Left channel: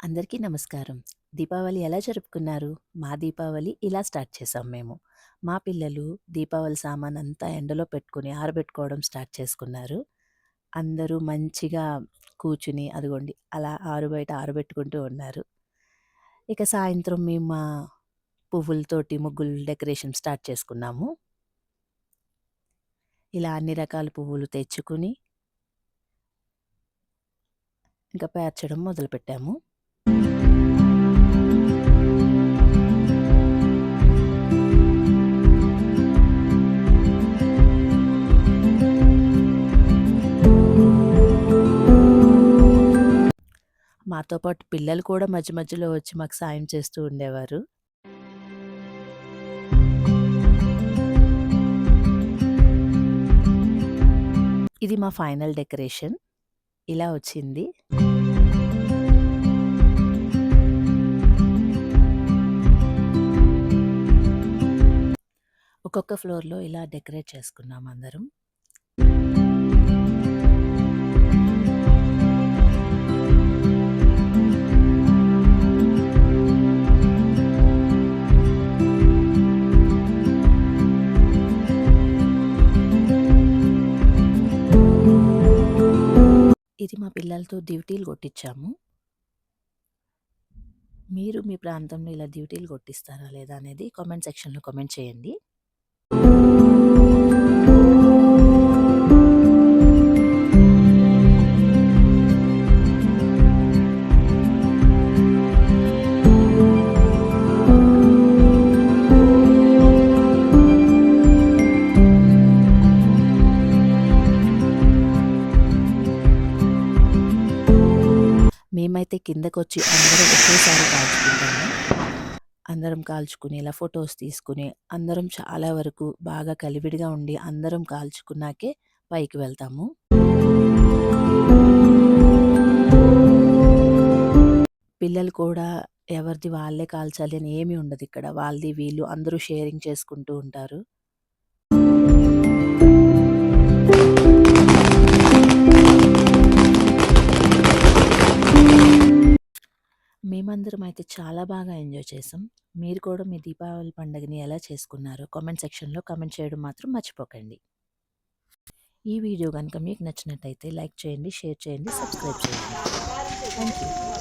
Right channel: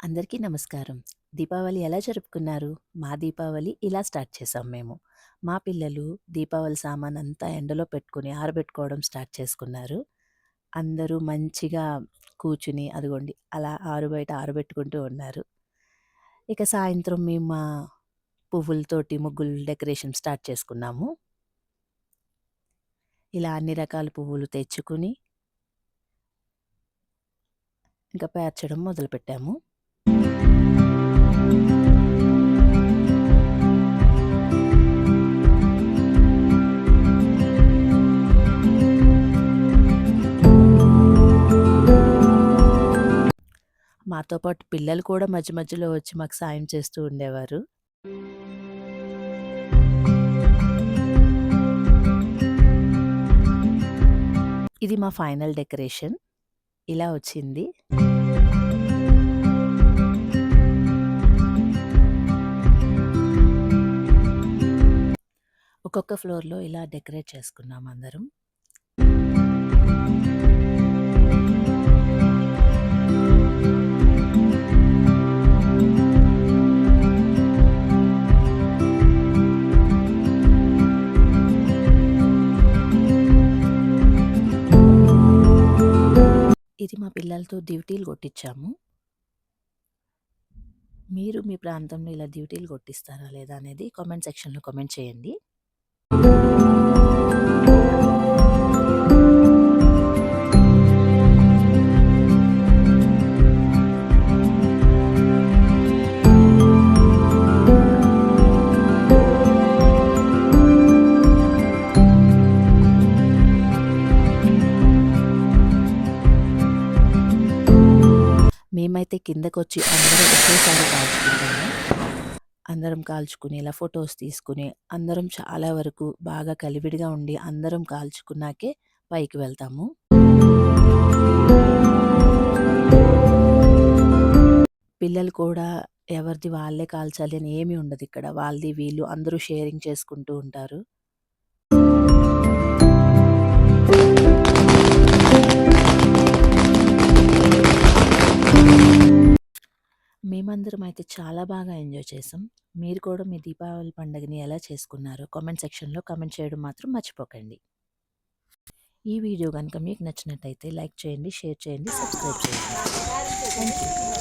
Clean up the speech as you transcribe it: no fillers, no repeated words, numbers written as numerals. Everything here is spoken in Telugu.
అందరికీ నమస్కారం. దీపావళి ఎలా జరుపుకున్నారు? మా దీపావళి ఇలా స్టార్ట్ చేసాం మేము. మా పిల్లలు దీపావళి సామానంతా ఎండలో పెట్టుకొని ఆరబెట్టుకోవడం స్టార్ట్ చేసుకున్నారు. అందరూ మంచిగా కూర్చుని అదిగోండి అలా ఆరుబయట ఆరబెట్టుకుంటూ ఉన్నారు. ఇక సాయంత్రం మేము మా పువ్వులతోటి ముగ్గులు డెకరేషన్ స్టార్ట్ చేసుకున్నాము. ఇలా అన్ని రకాల పువ్వులు తెచ్చుకుని ఇంకా పేర్చడం మొదలుపెట్టాము. మాతో పాటు పిల్లలు కూడా మధ్య మధ్యలో వచ్చి మాకు సాయం చేస్తూ ఉండేవారు. ఇది మా ఫైనల్ డెకరేషన్. ఇలా వచ్చింది. ఒక్కొక్క ఫ్లోర్‌లో ఇలా డెకరేట్ చేసుకున్నాం అందరం. ఇది మా పిల్లలతో డ్యూటీలు కొట్టించాము. మీరు మీ ప్రాంతంలో ఇలా డ్యూటీలు కొట్టిస్తారా లేదా అనేది కామెంట్ సెక్షన్‌లో కామెంట్ చేయండి. మేమైతే కిందకొచ్చి అందరం ఒకేసారి కాల్చుకుంటాము. అందరం కాల్చుకుని ఇలా ఫోటోస్ తీసుకుని అందరం చాలా వరకు బాగా కలివిడిగా ఉండి అందరం కాల్చుకున్నాకే పైకి వెళ్తాము. పిల్లలు కూడా ఎవరిది వాళ్ళే కాల్చాలి అని ఏమీ ఉండదిక్కడ. వాళ్ళది వీళ్ళు అందరూ షేరింగ్ చేసుకుంటూ ఉంటారు. మేమందరం అయితే చాలా బాగా ఎంజాయ్ చేసాం. మీరు కూడా మీ దీపావళి పండుగని ఎలా చేసుకున్నారో కామెంట్ సెక్షన్‌లో కామెంట్ చేయడం మాత్రం మర్చిపోకండి. ఈ వీడియో గనుక మీకు నచ్చినట్టయితే లైక్ చేయండి, షేర్ చేయండి, సబ్స్క్రైబ్ చేయండి. Thank you.